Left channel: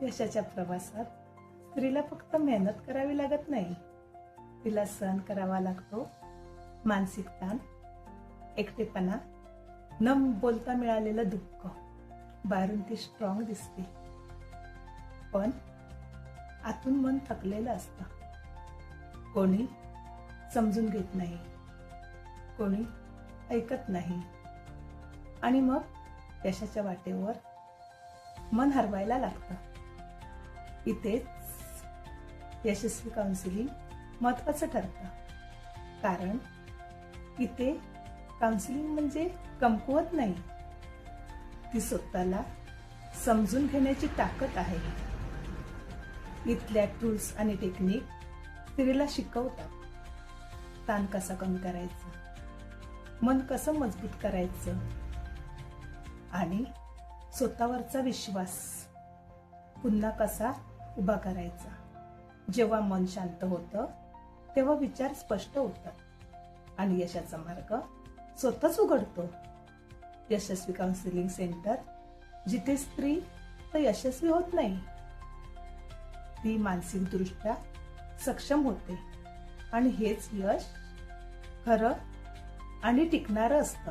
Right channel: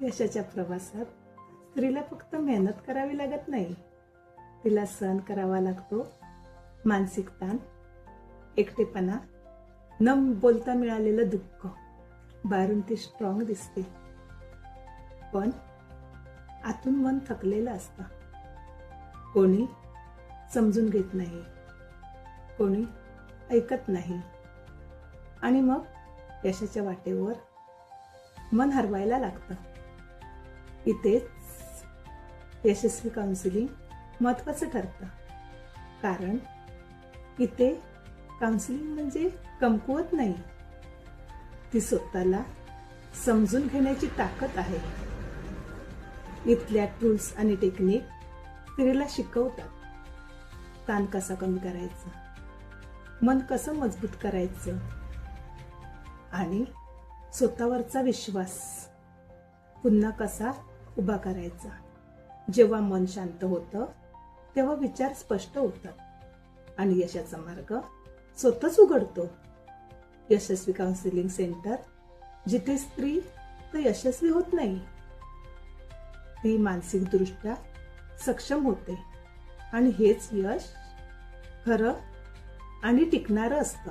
यशाच्या प्रवासात स्त्रीला फक्त मेहनत करावी लागत नाही, तिला सहन करावा लागतो मानसिक ताण, एकटेपणा, न बोलता मिळालेलं दुःख. बाहेरून ती स्ट्रॉंग दिसते, पण आतून मन थकलेलं असतं. कोणी समजून घेत नाही, कोणी ऐकत नाही, आणि मग यशाच्या वाटेवर मन हरवायला लागतं. इथेच यशस्वी काउन्सिलिंग महत्वाचं ठरतं, कारण इथे काउन्सिलिंग म्हणजे कमकुवत नाही, ती स्वतःला समजून घेण्याची ताकद आहे. इथल्या टूल्स आणि टेक्निक स्त्रीला शिकवतात. ताण कसा कमी करायचा, मन कसं मजबूत करायचं, आणि स्वतःवरचा विश्वास पुन्हा कसा उभा करायचा. जेव्हा मन शांत होतं तेव्हा विचार स्पष्ट होतात आणि यशाचा मार्ग स्वतःच उघडतो. यशस्वी काउन्सिलिंग सेंटर, जिथे स्त्री तर यशस्वी होत नाही, ती मानसिकदृष्ट्या सक्षम होते, आणि हेच यश खरं आणि टिकणारं असतं.